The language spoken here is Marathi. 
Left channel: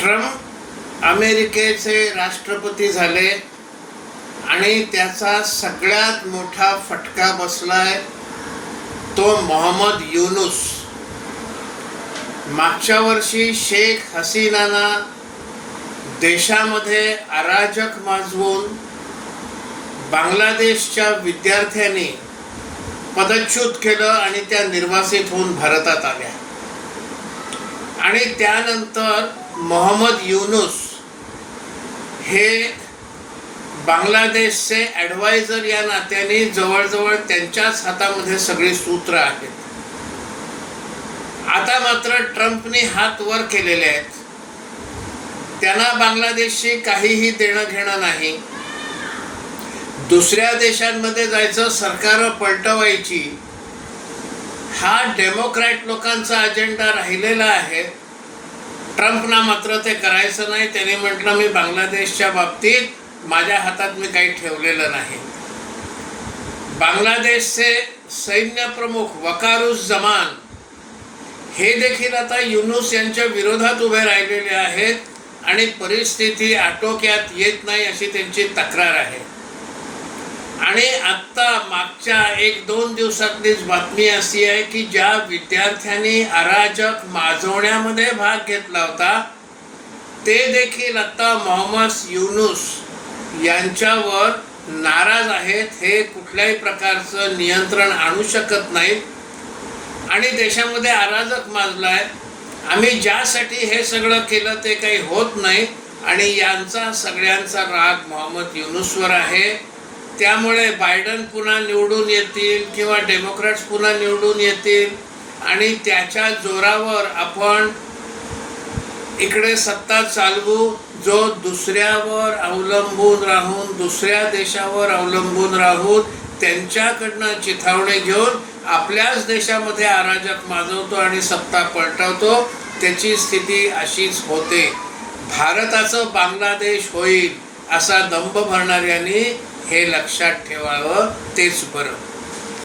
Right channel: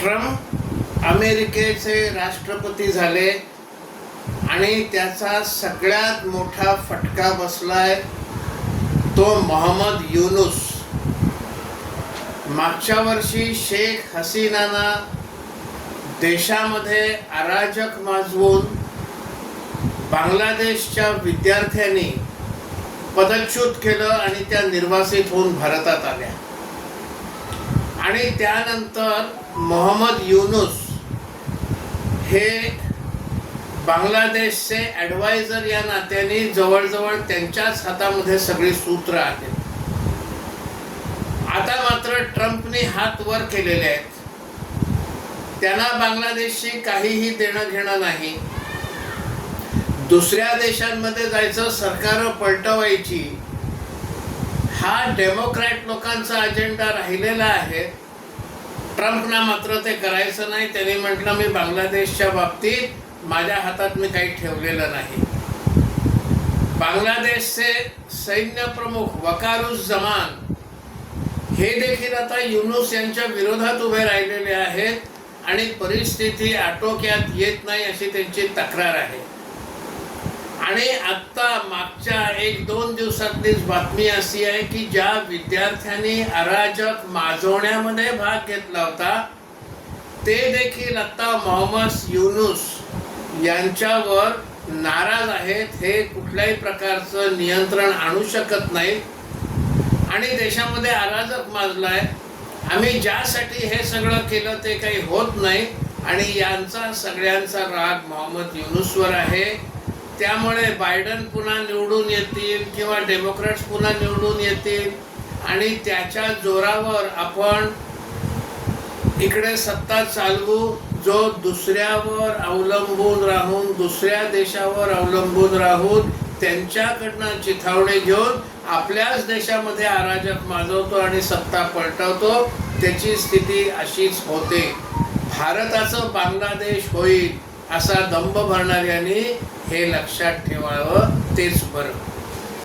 ट्रम्प अमेरिकेचे राष्ट्रपती झाले आणि त्याचा सगळ्यात मोठा फटका बसलाय तो मोहम्मद युनूस. मागच्या वर्षी शेख हसीनाना देशामध्ये अराजक माजवून बांगलादेशच्या विद्यार्थ्यांनी पदच्युत केलं आणि त्या निर्वासित होऊन भारतात आल्या. आणि त्यानंतर मोहम्मद युनूस हे बांगलादेशचे ॲडवायझर या नात्याने जवळजवळ त्यांच्याच हातामध्ये सगळे सूत्र आहेत. आता मात्र ट्रम्पने हात वर केलेले आहेत. त्यांना बांगलादेशशी काहीही देणं घेणं नाही. दुसऱ्या देशांमध्ये जायचं, सरकार पलटवायची, हा डेमोक्रॅट लोकांचा अजेंडा राहिलेला आहे. ट्रम्पना मात्र ते करायचं नाही. त्याने म्हटलं मी बांगलादेशच्या बाबतीत माझ्या हातात मी काही ठेवलेलं नाही. बांगलादेशचे सैन्य प्रमुख वकारुज्जमान हे देखील आता युनूस यांच्या विरोधात उभे राहिलेले आहेत आणि परिस्थिती आटोक्यात येत नाही अशी त्यांची तक्रार आहे. आणि आत्ता मागच्या 1-2 दिवसातलीच बातमी अशी आहे की ज्या विद्यार्थ्यांनी अराजक माजवण्यामध्ये भाग घेतला होता ते देखील आता मोहम्मद युनूस यांच्यावर नाराज आहेत. हे कुठल्याही प्रकारचं नियंत्रण आणू शकत नाहीत आणि देशामध्ये अराजक माजलाय. आम्ही ज्यासाठी हे सगळं केलं ते काही होत नाही आणि यांचा सगळ्यांचा राग मोहम्मद युनूसवर आहे. त्यामुळे बायडन पुन्हा निवडून येतील किंवा डेमोक्रॅट्स पुन्हा निवडून येतील आणि त्याच्या जोरावर आपण इकडे सत्ता चालवू. जो दुसऱ्यावर अवलंबून राहून, दुसऱ्या देशावर अवलंबून राहून त्यांच्याकडनं चिथावणे घेऊन आपल्याच देशामध्ये अराजक माजवतो आणि सत्ता पलटवतो, त्याची स्थिती अशीच होते. भारताचं बांगलादेश होईल असा दंभ भरणाऱ्यांनी हे लक्षात ठेवावं, तेच बरं.